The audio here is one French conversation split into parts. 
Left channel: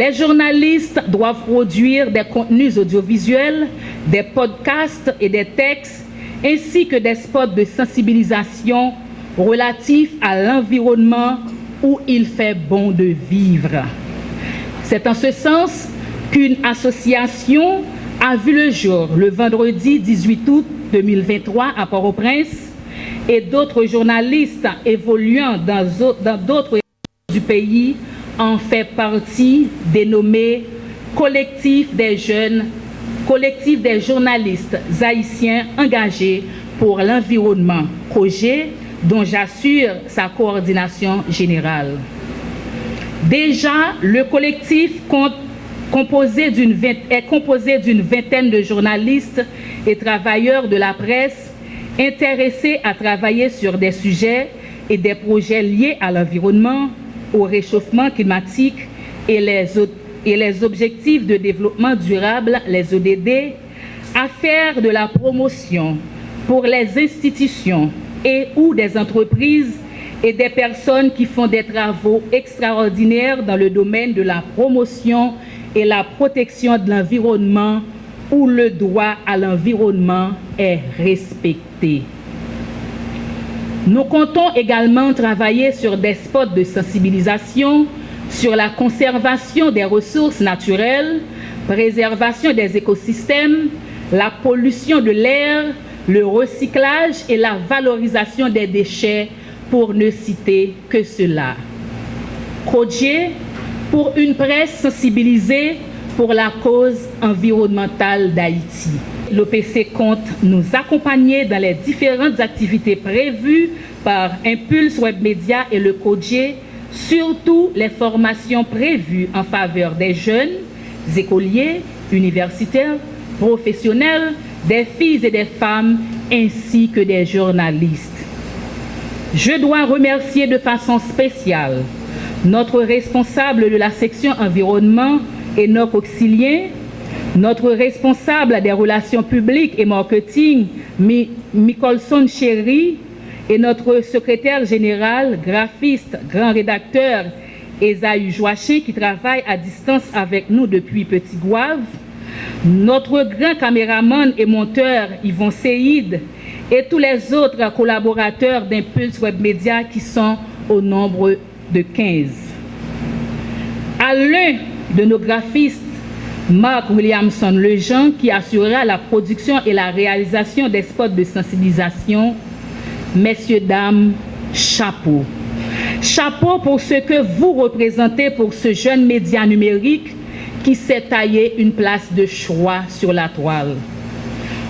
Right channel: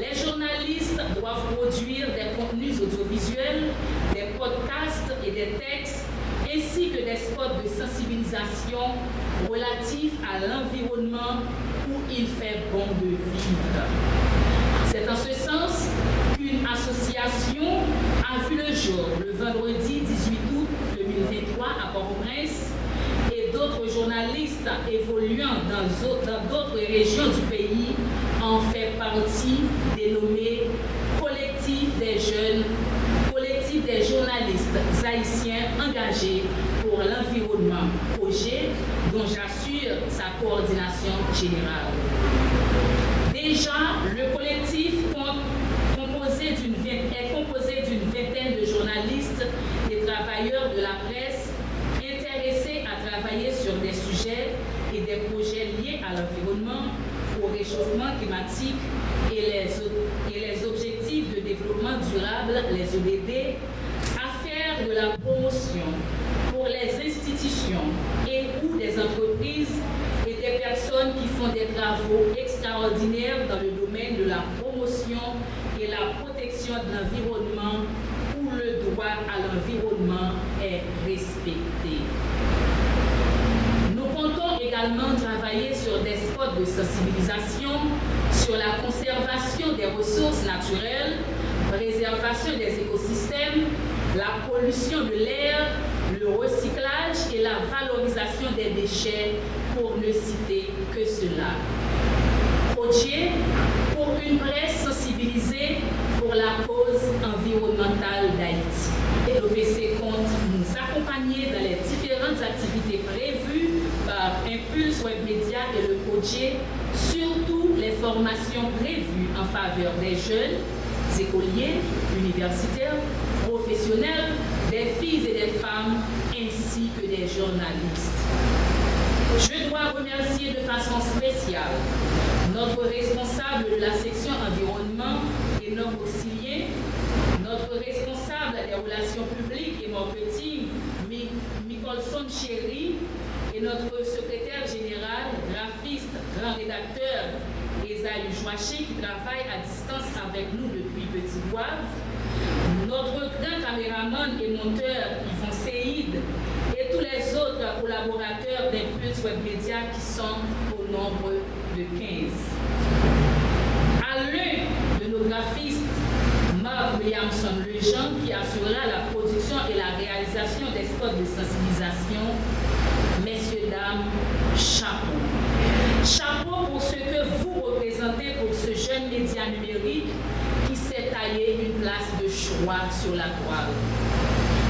Les journalistes doivent produire des contenus audiovisuels, des podcasts et des textes, ainsi que des spots de sensibilisation relatifs à l'environnement où il fait bon de vivre. C'est en ce sens qu'une association a vu le jour le vendredi 18 août 2023 à Port-au-Prince et d'autres journalistes évoluant dans d'autres régions du pays en fait partie, dénommé Collectif des journalistes haïtiens engagés pour l'environnement, projet dont j'assure sa coordination générale. Déjà, le collectif est composé d'une vingtaine de journalistes et travailleurs de la presse intéressés à travailler sur des sujets et des projets liés à l'environnement, au réchauffement climatique et les objectifs de développement durable, les ODD, à faire de la promotion pour les institutions et ou des entreprises et des personnes qui font des travaux extraordinaires dans le domaine de la promotion et la protection de l'environnement où le droit à l'environnement est respecté. Nous comptons également travailler sur des spots de sensibilisation sur la conservation des ressources naturelles, préservation des écosystèmes, la pollution de l'air, le recyclage et la valorisation des déchets, pour ne citer que cela. Projet pour une presse sensibilisée pour la cause environnementale d'Haïti. L'OPC compte nous accompagner dans les différentes activités prévues par Impulse Web Media et le CODIE, surtout les formations prévues en faveur des jeunes, des écoliers, universitaires, professionnels, des filles et des femmes, ainsi que des journalistes. Je dois remercier de façon spéciale notre responsable de la section environnement et notre auxilien, notre responsable des relations publiques et marketing, Micolson Chéri, et notre secrétaire général, graphiste, grand rédacteur, Esaü Joachim, qui travaille à distance avec nous depuis Petit Gouave, notre grand caméraman et monteur, Yvon Seïd, et tous les autres collaborateurs d'Impulse Web Media qui sont au nombre de 15. À l'un de nos graphistes, Marc Williamson Lejean, qui assurera la production et la réalisation des spots de sensibilisation. Messieurs, dames, chapeau. Chapeau pour ce que vous représentez pour ce jeune média numérique qui s'est taillé une place de choix sur la toile.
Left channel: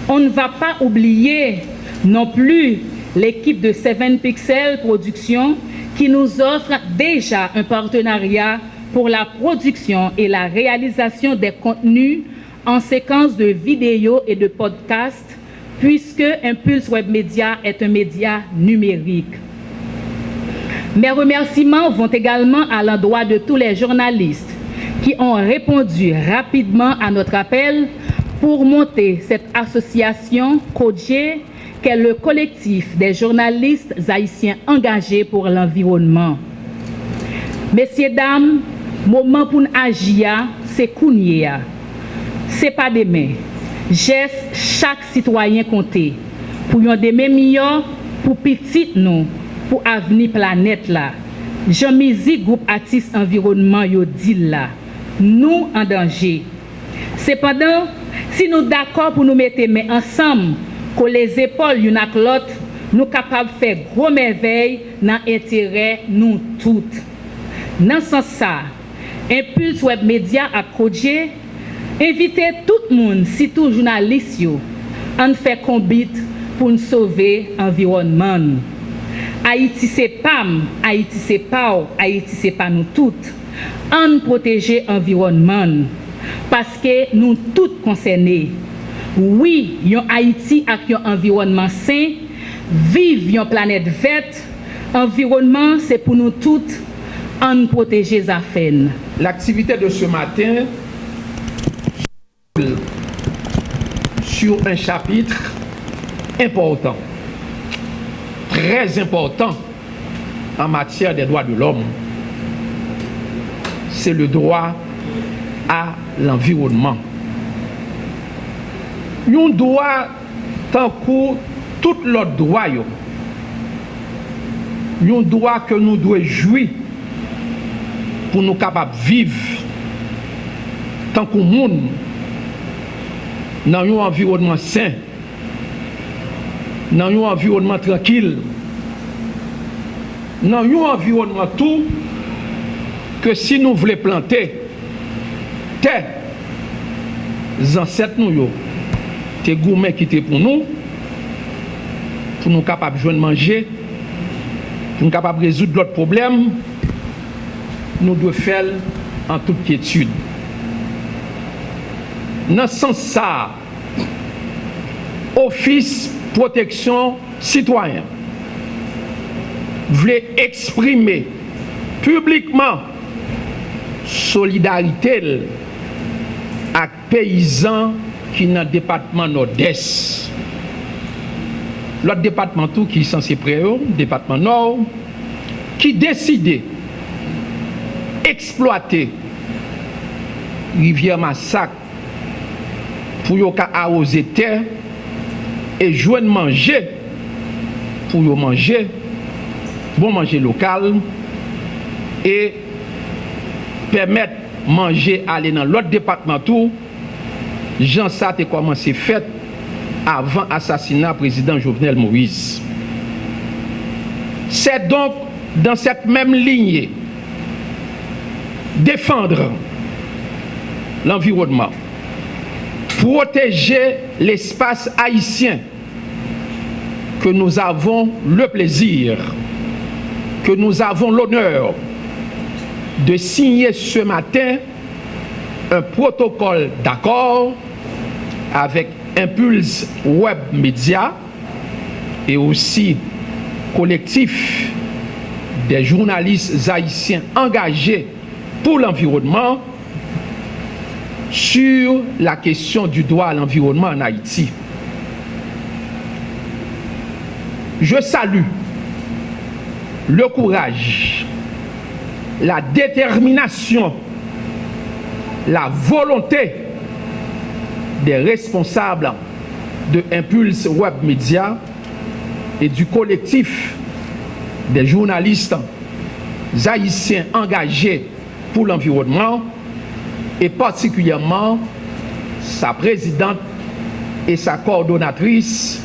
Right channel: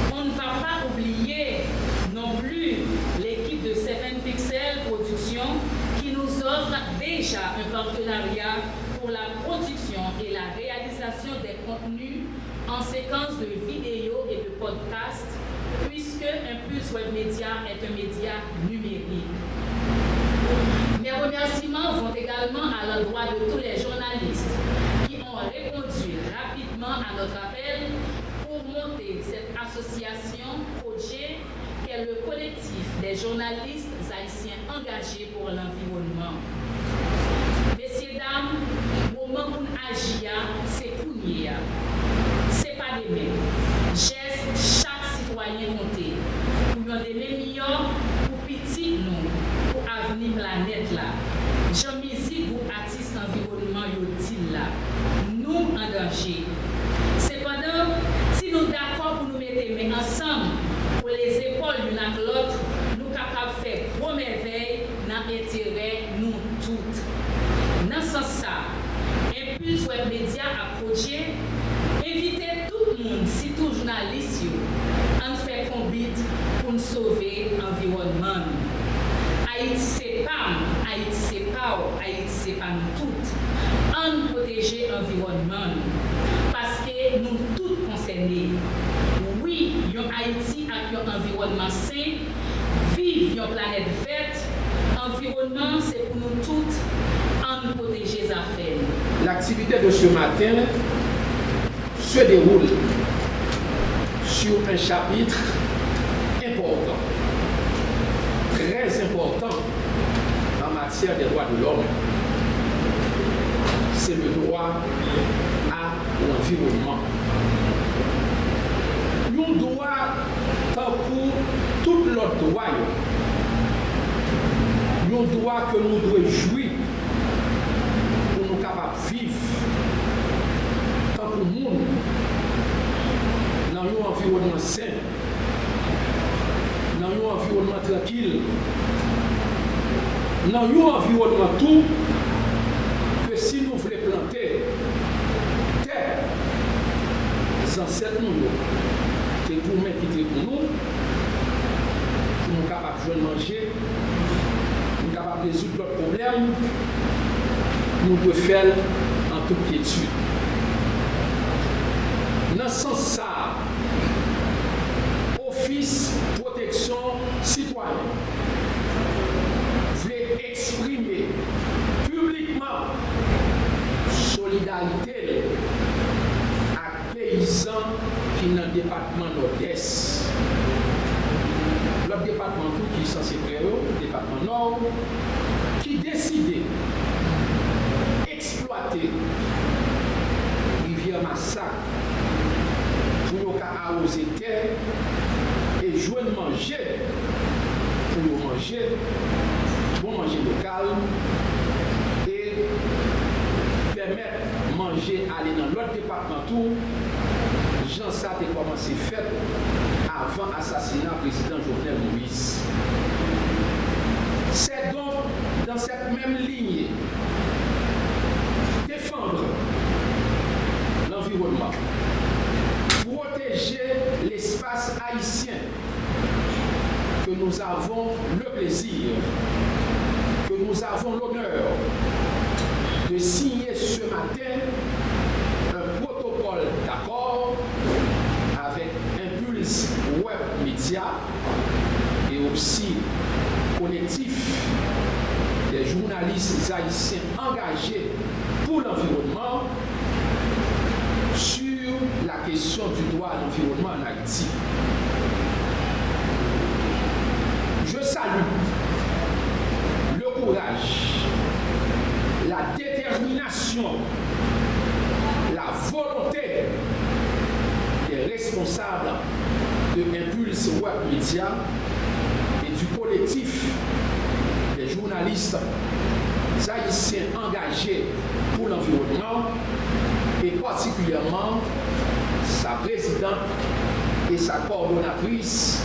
On ne va pas oublier non plus l'équipe de 7 Pixels Productions qui nous offre déjà un partenariat pour la production et la réalisation des contenus en séquence de vidéos et de podcasts, puisque Impulse Web Media est un média numérique. Mes remerciements vont également à l'endroit de tous les journalistes qui ont répondu rapidement à notre appel pour monter cette association CODIE, qu'est le collectif des journalistes haïtiens engagés pour l'environnement. Messieurs, dames, moment pour nous agir, c'est kounye. C'est pas demain. Geste chaque citoyen compté. Pour un demain meilleur, pour petit nous, pour avenir planète là. Jean-Mizi, groupe artiste environnement, yo dit là. Nous en danger. Cependant, si nous d'accord pour nous mettre main ensemble, que les épaules l'une avec l'autre, nous capables de faire gros merveilles dans l'intérêt nous toutes. Dans ce sens, Impulse Web Media a projet inviter tout le monde, surtout journalistes, à faire combat pour nous sauver l'environnement. Haïti c'est PAM, Haïti c'est PAO, Haïti c'est pas nous toutes. On protéger l'environnement parce que nous toutes concernés. Oui, yon Haïti avec un environnement sain, vive une planète verte, environnement c'est pour nous toutes, on protéger les affaires. L'activité de ce matin se déroule sur un chapitre important, très important en matière des droits de l'homme. C'est le droit à l'environnement. Nous devons, tant que tout l'autre droit, nous devons jouir pour nous capables de vivre tant que monde dans un environnement sain, dans un environnement tranquille, dans un environnement tout que si nous voulons planter terre, les ancêtres nous, les gourmets qui étaient pour nous capables de manger, pour nous capables de résoudre d'autres problèmes, nous devons faire en toute quiétude. Dans ce sens, ça, Office Protection Citoyen voulait exprimer publiquement solidarité avec les paysans qui sont dans le département nord-est. L'autre département tout qui est censé près, département nord, qui décidait exploiter rivière Massacre pour arroser terre et joindre manger pour manger, bon manger local et permettre manger aller dans l'autre département tout. Jean ça a commencé fait avant l'assassinat du président Jovenel Moïse. C'est donc dans cette même ligne défendre l'environnement, protéger l'espace haïtien que nous avons le plaisir, que nous avons l'honneur de signer ce matin un protocole d'accord avec Impulse Web Média et aussi collectif des journalistes haïtiens engagés pour l'environnement sur la question du droit à l'environnement en Haïti. Je salue le courage, la détermination, la volonté des responsables de Impulse Web Média et du collectif des journalistes haïtiens engagés pour l'environnement et particulièrement sa présidente et sa coordonnatrice,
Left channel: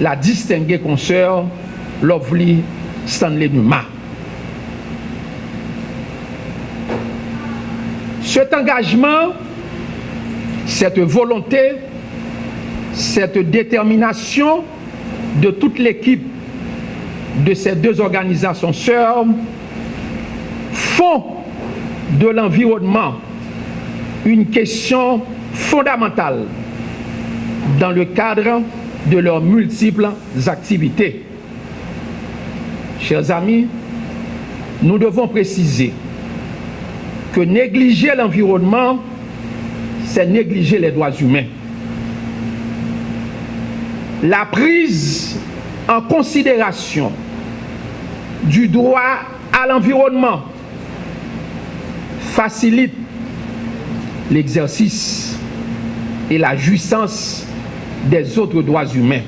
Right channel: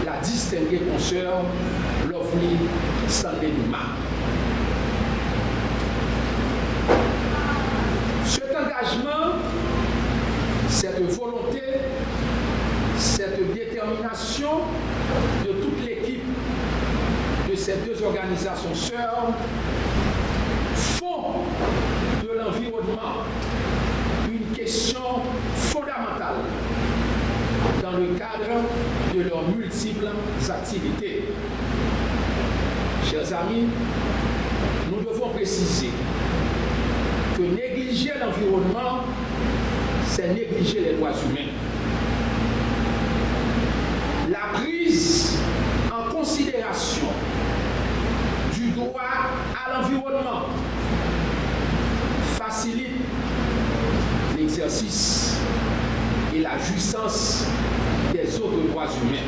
la distinguée consoeur Lovely Stanley Numa. Cet engagement, cette volonté, cette détermination de toute l'équipe de ces deux organisations sœurs font de l'environnement une question fondamentale dans le cadre de leurs multiples activités. Chers amis, nous devons préciser que négliger l'environnement, c'est négliger les droits humains. La prise en considération du droit à l'environnement facilite l'exercice et la jouissance des autres droits humains.